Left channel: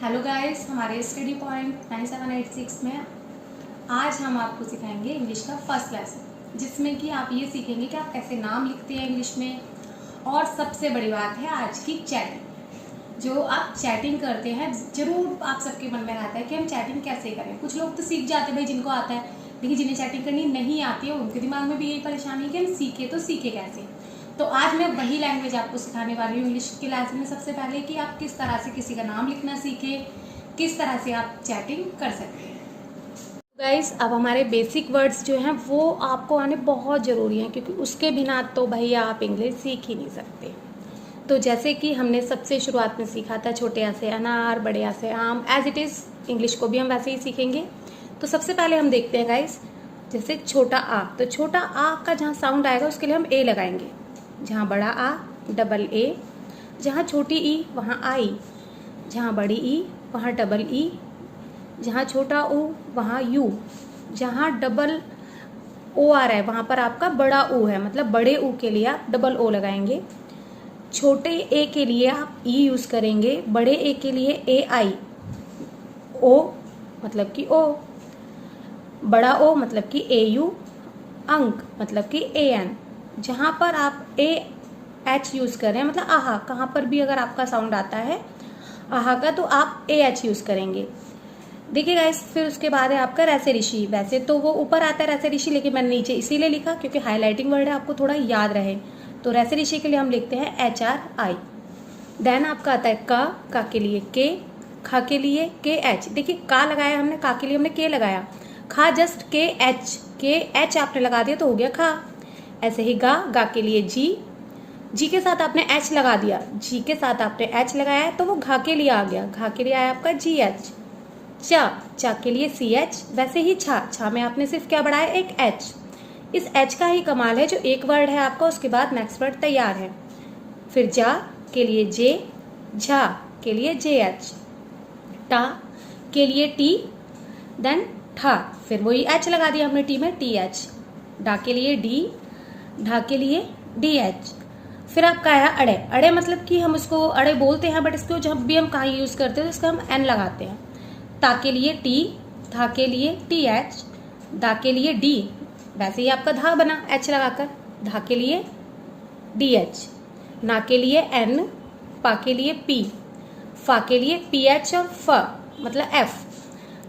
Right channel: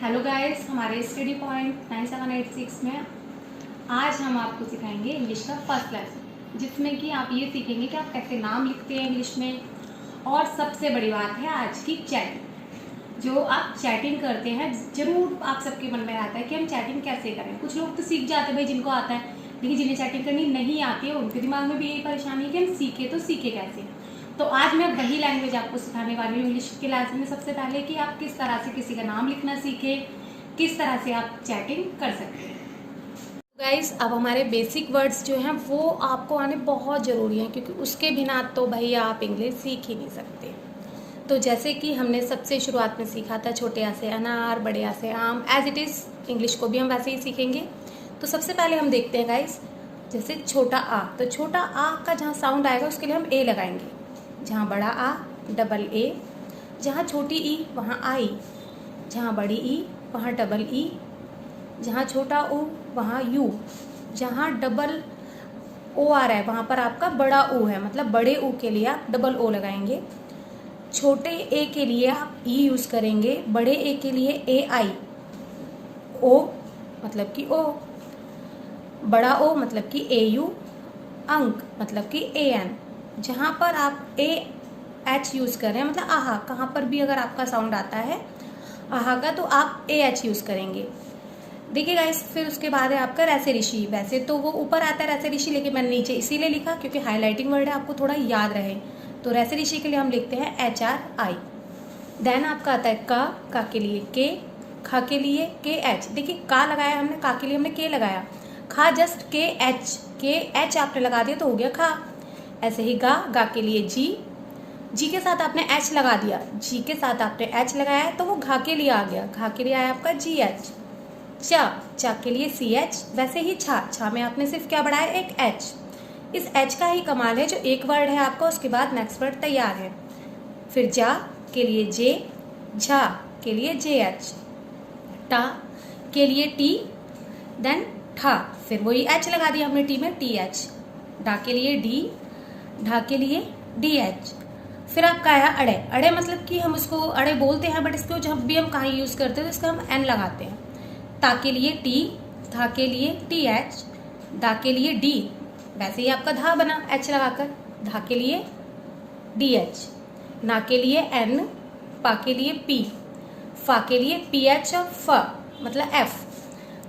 Hello guys, हमारे study point 9786 में आज हम आपको सिखाएंगे इंग्लिश का फर्स्ट लेसन, जिसमें कि आप ये सीखेंगे कि आप कैसे नाम लिखते हैं इंग्लिश में। और सबसे बड़ी बात है आज की चैटिंग। जो आप चैटिंग करते हैं, जरूर आप सबके मन में आता है कि हम चैटिंग कैसे करें। कुछ लोग तो सीख जाते हैं भाई, जिनको आता है, लेकिन जिन्हें चैटिंग करनी नहीं आती है उनके दिमाग में भी यही परेशानी है कि हम सीखे तो सीखे कैसे। तो आज मैं वही लैंग्वेज आपको सिखाने वाली हूँ इंग्लिश के क्लास में। सबसे पहले कि आप किस तरह से किसी का नाम लिखना सीखें, किस तरह से आप चैटिंग कर सकते हैं। गाइस, अब हमारे बेसिक वर्ड्स जो हैं वो आपको आने बहुत ज़रूरी हैं, क्योंकि उसके बिना तो भाई आप इंग्लिश सीख ही नहीं सकते। तो जैसे कि हमने सबसे शुरुआत में सीखा था छोटे आ से अनार, बड़े आ से आम, एज इट इज़ इंग्लिश को भी हम वैसे ही सीखेंगे। तो सबसे पहले हम देखते हैं गाइस, जैसे छोटा आ, तो छोटा आ का जहाँ साउंड आएगा उसके लिए हम ए लगाएंगे। जहाँ बड़ा आ डबल ए, जहाँ छोटी ई वहाँ आई, जहाँ बड़ी ई वहाँ डबल ई, जहाँ छोटा ओ वहाँ यू, जहाँ डबल ओ आ रहा है वहाँ पर आपका बड़ा ओ है, मतलब बड़े ओ के लिए आप डबल ओ लगाएंगे। छोटे ए के लिए आप ई यूज करेंगे, बड़े ए के लिए ए आई, ओ मतलब कि ओ, बड़ा ओ मतलब कि ए यू, अंक मतलब कि ए एन। जहाँ पर आप ए एच यूज कर रहे हैं, मतलब आहा, कहाँ पर भी अगर आपका साउंड आता है आहा का तो आप ए एच यूज करेंगे। देखिए गाइस, फिर उसके बाद है आपका रैसे ऋषि। वैसे तो वो ऊपर आता है रैसे ऋषि, लेकिन मैंने नीचे इसीलिए लिखा क्योंकि हाईलाइटिंग वर्ड है, आपको थोड़ा याद रहे। तो रैसे ऋषि के लिए हम लिखते हैं एच आर आई। देन आपका आता है का के लिए के, खा के लिए के एच। देखिए का लगाया हमने, का के लिए हमने के लगाया, खा जस्ट के एच आपने लगा दिया तो हो गया खा। ऐसे ही गा के लिए जी के साथ आपने एच लगा दिया, जी के साथ आपने एच लगाया तो वो घा के लिए आ गया, घा के लिए आया आपका जी एच। चा के लिए सी एच। वैसे ही छा में आपने सिर्फ क्या बढ़ाया, एक एच। इस एच का ही कमाल है, जो एक वर्ड है आपका उसके बाद नेक्स्ट वर्ड तैयार है। फिर जा के लिए जे, झा के लिए जे एच, टा के लिए टी, देन ठा, फिर वही एच लगा दिया हमने टी में, टी एच। डा के लिए डी, ढा के लिए डी एच। फिर आपका आया अड़े। अड़े मतलब कि हम उसको अड़े बोलते हैं, बट इसको जब भी हम कहाँ यूज करते हैं तो इसका हम एन लगाते हैं। ता के लिए टी, धा के लिए टी एच, दा के लिए डी, वैसे ही आपका धा बना एच लगाकर, धा के लिए डी एच। ना के लिए एन, पा के लिए पी, फा के लिए पी एच और फ मतलब एफ।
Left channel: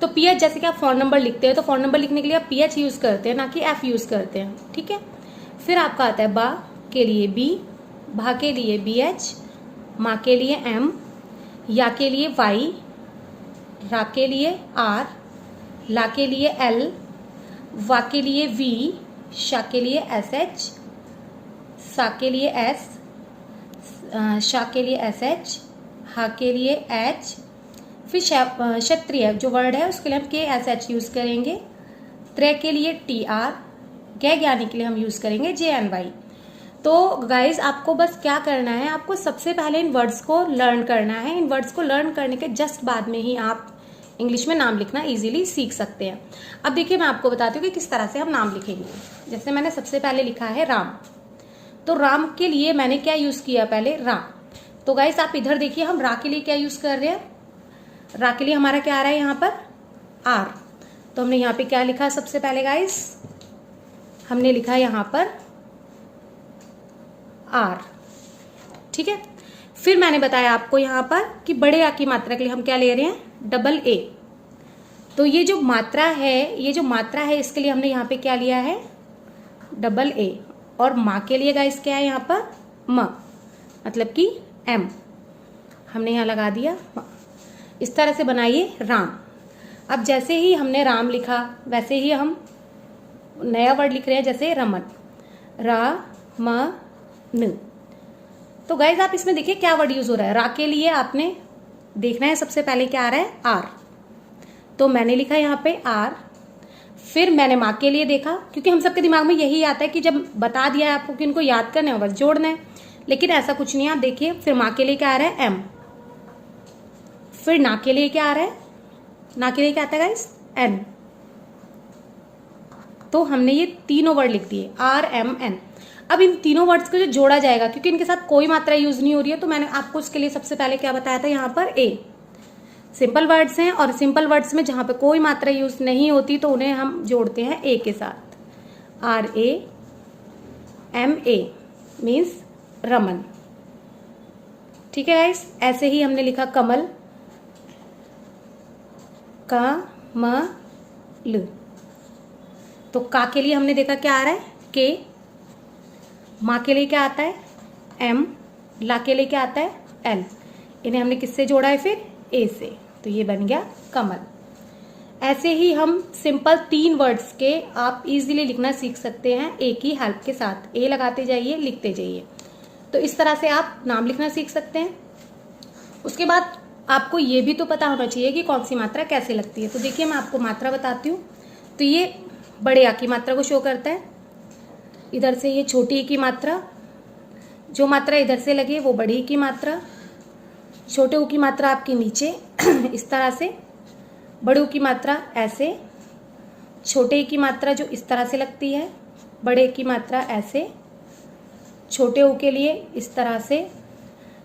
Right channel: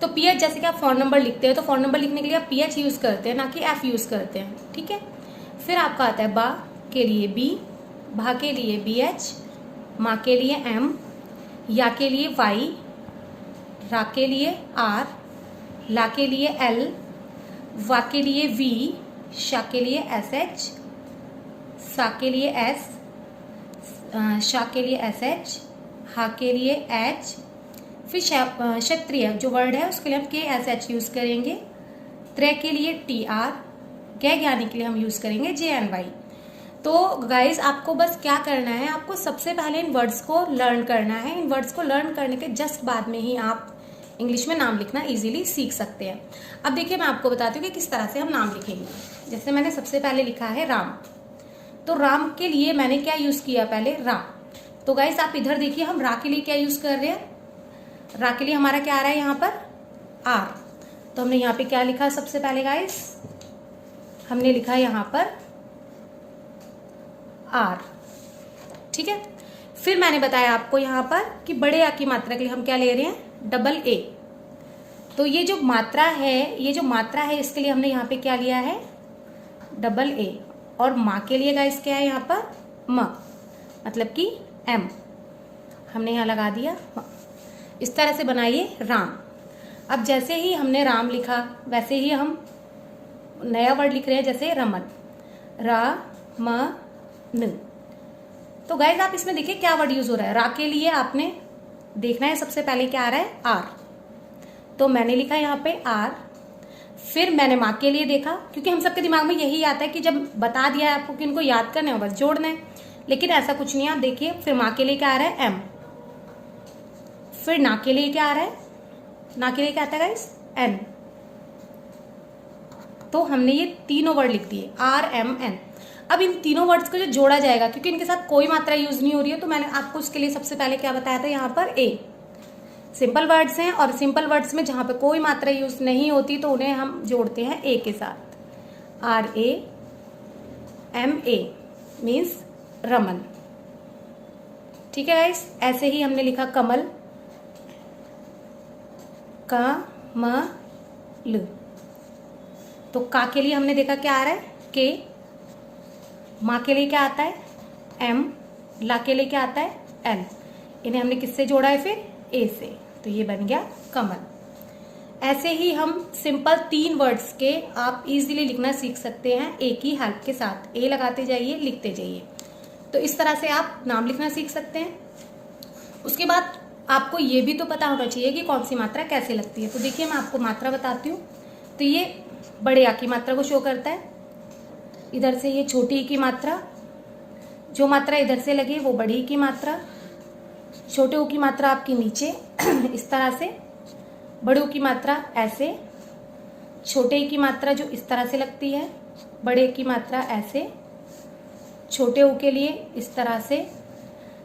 तो पी एच जैसे कि आप फोन नंबर लिखते हैं तो फोन नंबर लिखने के लिए आप पी एच यूज करते हैं, ना कि एफ यूज करते हैं, ठीक है। फिर आपका आता है बा के लिए बी, भा के लिए बी एच, माँ के लिए एम, या के लिए वाई, रा के लिए आर, ला के लिए एल, वा के लिए वी, शा के लिए एस एच, सा के लिए एस, शा के लिए एस एच, हा के लिए एच। फिर क्षत्रिय जो वर्ड है उसके लिए हम के एस एच यूज करेंगे। त्रय के लिए टी आर, गै ज्ञानी के लिए हम यूज करेंगे जे एन वाई। तो गाइज आपको बस क्या करना है, आपको सबसे पहले इन वर्ड्स को लर्न करना है। इन वर्ड्स को लर्न करने के जस्ट बाद में ही आप इंग्लिश में नाम लिखना इजीली सीख सकते हैं। अब देखिए मैं आपको बताती हूँ कि किस तरह से हम नाम लिखेंगे। जैसे मैंने सबसे पहले लिखा है राम, तो राम के लिए मैंने क्या यूज किया, पहले रा। तो गाइज आप इधर देखिए, हम रा के लिए क्या यूज कर रहे हैं, रा के लिए हमारा क्या आ रहा है यहाँ पर आर। तो हमने यहाँ पे क्या लिखा सबसे पहले गाइज, हमने लिखा यहाँ पर आर, ठीक है। फिर मैंने बताया आपको यहाँ पर कि बड़े आ की मात्रा के लिए हम क्या ले रहे हैं, डबल ए। तो ये जो मात्रा है इसके लिए हमने यहाँ पे क्या लिया है, डबल ए। और माँ के लिए गाइस क्या है यहाँ पर म, मतलब कि एम, हमने यहाँ लगा दिया। इस तरह से बनाइए राम। अब जैसे ही हमने राम लिखा वैसे ही हम नया वर्ड लिख रहे हैं, जैसे रमन, रा म न। तो गाइज आप इसमें देखिए क्या वर्ड यूज हो रहा है। रा के लिए आपने देखना है सबसे पहले क्या आ रहा है, आर। तो मैंने लिखा यहाँ पे आर। फिर मैंने माँ के लिए देखा, क्योंकि हम सबके दिमाग में यही आता है कि जब बता दिया है आपको कि इनको याद करना है बस जोड़ना है, लेकिन ऐसा कुछ नहीं है। आप देखिए फिर माँ के लिए क्या आ रहा है, एम। फिर ना के लिए क्या आ रहा है, ना के लिए क्या आता है गाइस, एन। तो हमने ये तीनों वर्ड लिख दिए, आर एम एन। अब इन तीनों वर्ड्स को जो जोड़ा जाएगा, क्योंकि इनके साथ कोई मात्रा यूज नहीं हो रही है, तो मैंने आपको उसके लिए सबसे पहले क्या बताया था यहाँ पर ए। सिंपल वर्ड्स हैं, और सिंपल वर्ड्स में जहां पे कोई मात्रा यूज नहीं होती तो उन्हें हम जोड़ते हैं ए के साथ। RAMA means Raman. ठीक है गाइस, ऐसे ही हमने लिखा कमल, कमल। तो का के लिए हमने देखा क्या आ रहा है, के। माँ के लिए क्या आता है, M। ला के लिए क्या आता है, L। इन्हें हमने किससे जोड़ा है फिर, ए से, तो ये बन गया कमल। ऐसे ही हम सिंपल 3 वर्ड्स के आप इजीली लिखना सीख सकते हैं ए की हेल्प के साथ। ए लगाते जाइए, लिखते जाइए, तो इस तरह से आप नाम लिखना सीख सकते हैं। उसके बाद आपको ये भी तो पता होना चाहिए कि कौन सी मात्रा कैसे लगती है। तो देखिए मैं आपको मात्रा बताती हूँ। तो ये बड़े आ की मात्रा को शो करता है, इधर से ये छोटी की मात्रा, जो मात्रा इधर से लगे वो बड़ी की मात्रा, छोटे ऊ की मात्रा आपके नीचे इस तरह से, बड़े ऊ की मात्रा ऐसे, छोटे की मात्रा जो इस तरह से लगती है, बड़े की मात्रा ऐसे, छोटे ऊ के लिए इस तरह से,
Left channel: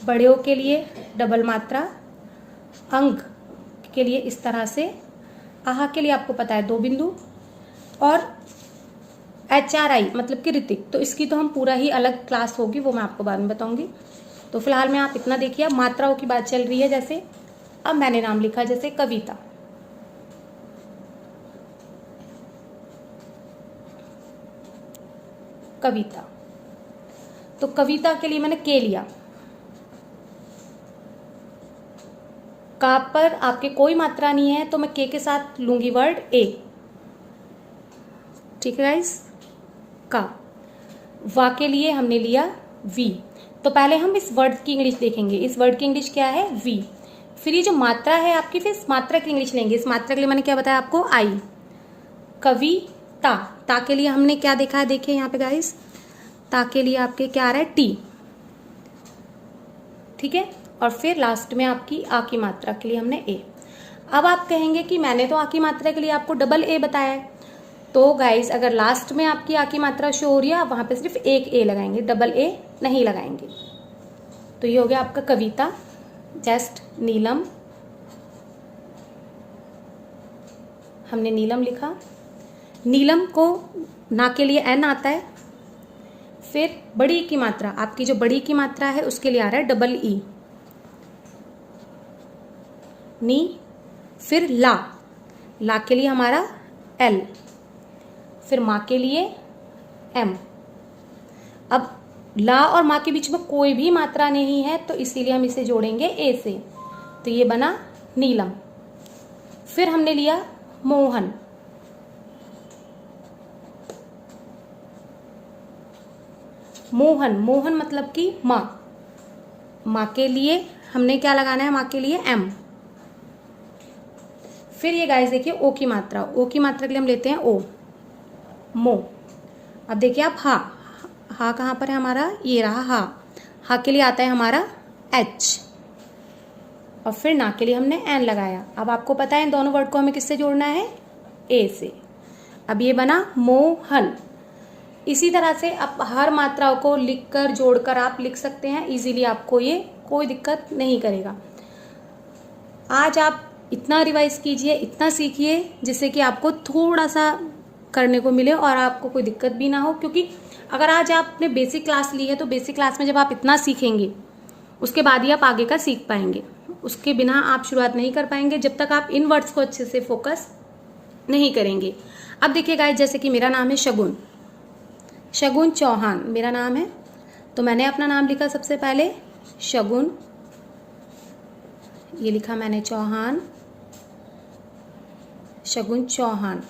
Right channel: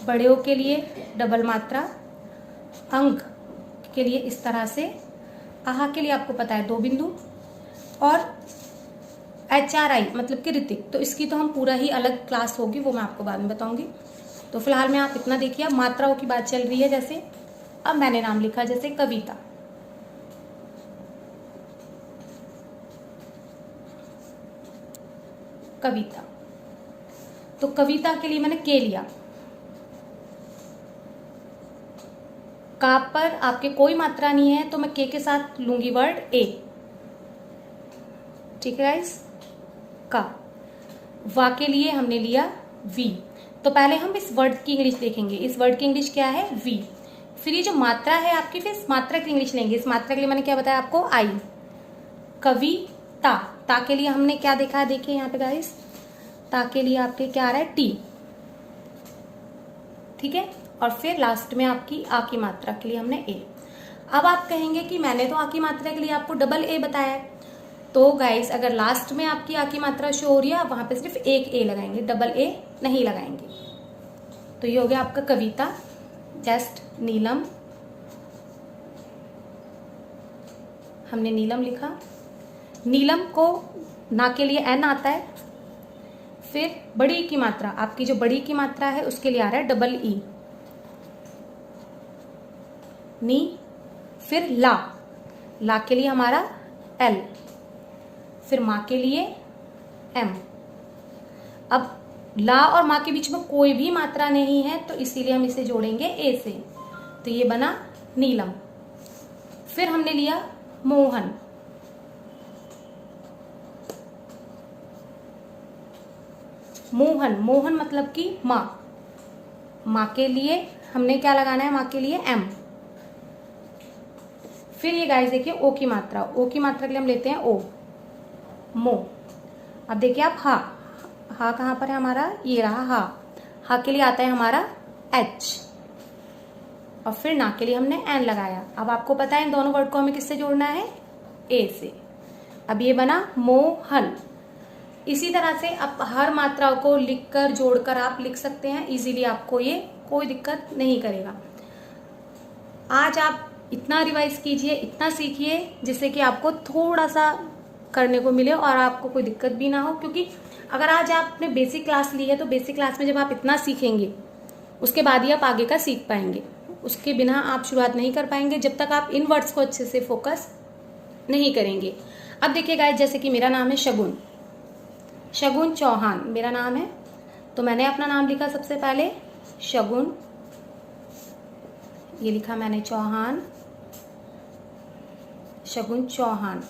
बड़े ऊ के लिए डबल मात्रा, अंक के लिए इस तरह से, आहा के लिए आपको पता है 2 बिंदु, और HRI मतलब कि ऋतिक, तो इसकी तो हम पूरा ही अलग क्लास होगी, वो मैं आपको बाद में बताऊंगी। तो फिलहाल में आप इतना देखिए, मात्राओं की बात चल रही है। जैसे अब मैंने नाम लिखा जैसे कविता, कविता, तो कविता के लिए मैंने के लिया। का पर आपके कोई मात्रा नहीं है तो मैं के साथ लूंगी वर्ड ए। ठीक है गाइस, का। वा के लिए हमने लिया वी। तो पहले हम इस वर्ड की इंग्लिश देखेंगे। इस वर्ड की इंग्लिश क्या है, वी। फिर ये जो मात्रा है आपकी, फिर इस मात्रा की इंग्लिश लेंगे। इस मात्रा के लिए मैंने क्या बताया आपको, आई। कविता, ता के लिए हमने क्या देखा है, देखिए यहाँ पे गाइस, ता के लिए आपके क्या आ रहा है, टी। ठीक है, और फिर लास्ट में आपकी आ की मात्रा के लिए हमने ए। अब आप कहेंगे कि मैंने तो आ की मात्रा के लिए आपको डबल ए बताया है। तो गाइस अगर लास्ट में आपकी आ की मात्रा शो हो रही है, वहां पे सिर्फ एक ए लगाएंगे, डबल ए नहीं लगाएंगे। तो ये हो गया आपका कविता। जस्ट नीलम, हमने नीलम लिखा। नीलम को ना के लिए एन आता है। फिर बड़ी की मात्रा, आपकी जो बड़ी की मात्रा है उसके लिए आ रहा है डबल ई, नी। फिर ला, ला के लिए हमारा एल। फिर माँ के लिए एम। अब ला और माँ के बीच में कोई भी मात्रा नहीं है तो इसीलिए हम इसे जोड़ेंगे ए से, तो ये बना नीलम। फिर हमने लिया मोहन, मोहन, मोहन मतलब कि माँ। माँ के लिए हमने क्या लगाना है, माँ के लिए एम। फिर ये गाइस देखिए ओ की मात्रा, ओ की मात्रा के लिए हम लेते हैं ओ, मो। अब देखिए आप हा, हा कहाँ पर है हमारा, ये रहा हा। हा के लिए आता है हमारा एच, और फिर ना के लिए हमने एन लगाया। अब आपको पता है इन दोनों वर्ड को हमें किससे जोड़ना है, ए से। अब ये बना मोहन। इसी तरह से आप हर मात्राओं को लिखकर जोड़कर आप लिख सकते हैं इजीली, आपको ये कोई दिक्कत नहीं करेगा। आज आप इतना रिवाइज कीजिए, इतना सीखिए, जिससे कि आपको थोड़ा सा करने को मिले और आपको कोई दिक्कत भी ना हो। क्योंकि अगर आज आपने बेसिक क्लास ली है तो बेसिक क्लास में जब आप इतना सीखेंगे उसके बाद ही आप आगे का सीख पाएंगे। उसके बिना आप शुरुआत नहीं कर पाएंगे जब तक आप इन वर्ड्स को अच्छे से फोकस नहीं करेंगे। अब देखिए गाइस, जैसे कि मेरा नाम है शगुन, शगुन चौहान मेरा नाम है, तो मैंने अपना नाम लिखा सबसे पहले शगुन, ये लिखा मैंने चौहान, शगुन चौहान।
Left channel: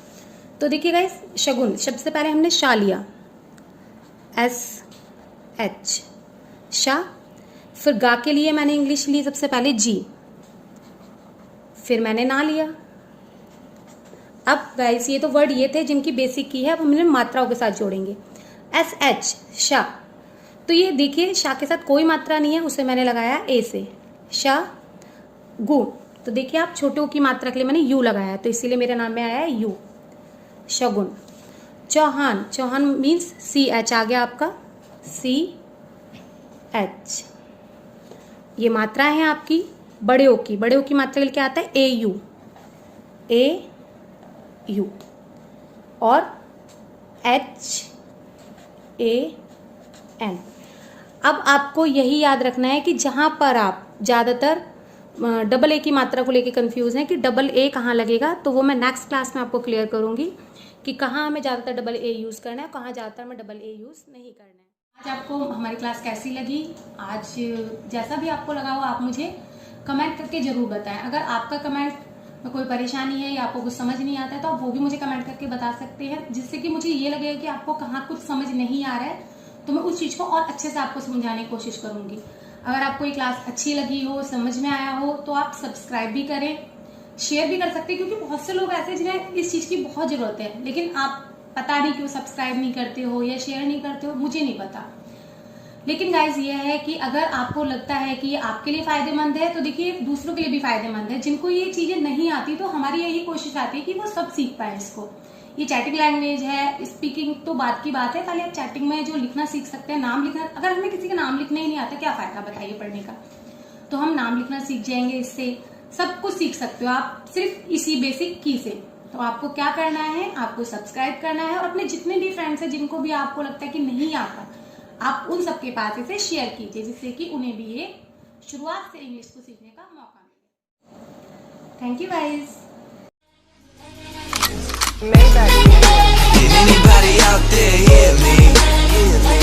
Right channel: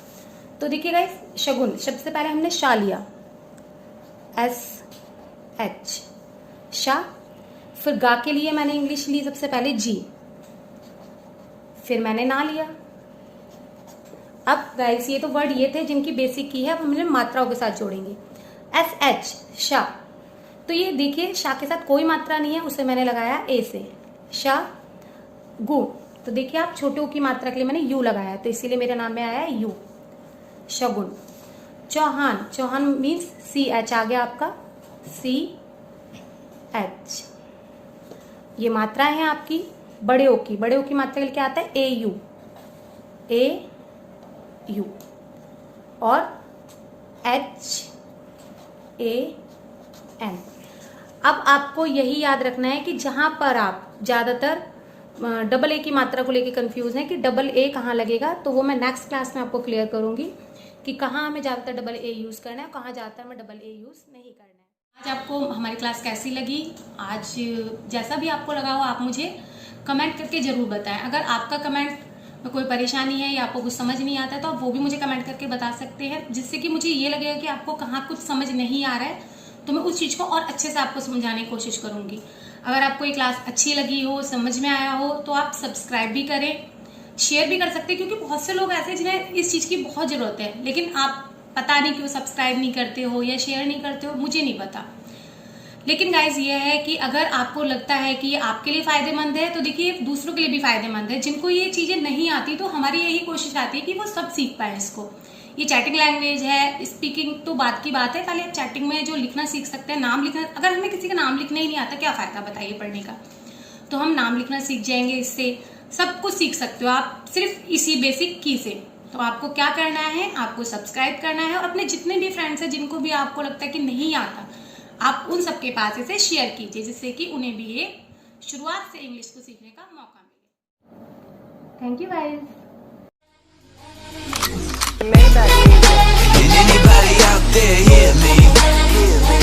तो देखिए गाइस, शगुन सबसे पहले हमने शा लिया, SH, शा। फिर गा के लिए मैंने इंग्लिश ली सबसे पहले जी, फिर मैंने ना लिया। अब गाइस ये तो वर्ड ये थे जिनकी बेसिक की है, अब हमने मात्राओं के साथ जोड़ेंगे। SH, शा। तो ये देखिए शा के साथ कोई मात्रा नहीं है, उसे मैंने लगाया ए से, शा गु। तो देखिए आप छोटे ओ की मात्रा के लिए मैंने यू लगाया, तो इसीलिए मेरे नाम में आया है U, Shagun. Chauhan, Chauhan means CH आ गया आपका, CH। ये मात्रा है आपकी बड़े ओ की मात्रा क्या आता है AU, AU और HAN। अब आपको यही याद रखना है कि जहां पर आप ज्यादातर डबल ए की मात्रा को लेके कंफ्यूज हैं कि डबल ए कहाँ लगेगा, तो वो मैं नेक्स्ट क्लास में आपको क्लियर करूंगी कि कहाँ हमें ज्यादातर डबल ए यूज करना है, कहाँ ज्यादातर हमें डबल ए यूज नहीं करना है। आज आपको हमारी क्लास कैसी लगी, आज जैसा भी आपको लगा हो आप मुझे कमेंट करके जरूर बताएं। अगर आपका कमेंट में कोई परेशानी है या आपको कुछ समझ नहीं आता है तो आप वो भी मुझे कमेंट करके बता सकते हैं, जिससे कि मुझे ये लगेगा कि आपको कहाँ कुछ समझ नहीं आ रहा है, तो मैं उस चीज़ को और अच्छे से आपको समझाने की कोशिश करूंगी। अगर आपको ये क्लास अच्छी लगी हो, समझ में आया हो, तो आप सब्सक्राइब भी करें, शेयर भी कर सकते हैं, क्योंकि बहुत से लोग ऐसे हैं जिन्हें इस चीज़ की बहुत ज़रूरत है, लेकिन आप पता नहीं क्यों सब्सक्राइब नहीं करते हो या शेयर नहीं करते हो, मुझे नहीं पता। लेकिन गाइज ये है कि अगर आपको लगता है कि ये आपके लिए फायदेमंद है तो देखिए दूसरों के लिए भी फायदेमंद है। जिनको ये चीज़ें नहीं आती तो हमारी यही कोशिश आती है कि वो सब सीख पाए इसको। ये चैटिंग लैंग्वेज है, स्पीकिंग तो बात की बात है, पहले आप चैटिंग में जो लिखना सीख सकते हैं, नाम लिखना। अगर हमें किसी का नाम लिखना ही नहीं आता क्या फायदा बताइए पढ़ने का। तो हम नाम लिखना सीख जाएंगे, इससे सब कुछ सीख सकते हो आप सिर्फ इसी बेसिक की से। तो आपको क्या करना है, आपको सब्सक्राइब करना है और अपने जितने भी फ्रेंड्स हैं जिनको भी आपको लगता है कि नहीं आता, आप उन सबके पास इसे शेयर कीजिए, जिससे कि उन्हें भी ये शुरुआत से इंग्लिश को सीखने का मौका मिले। Thank you guys. Can anybody out there hear me? Hear me?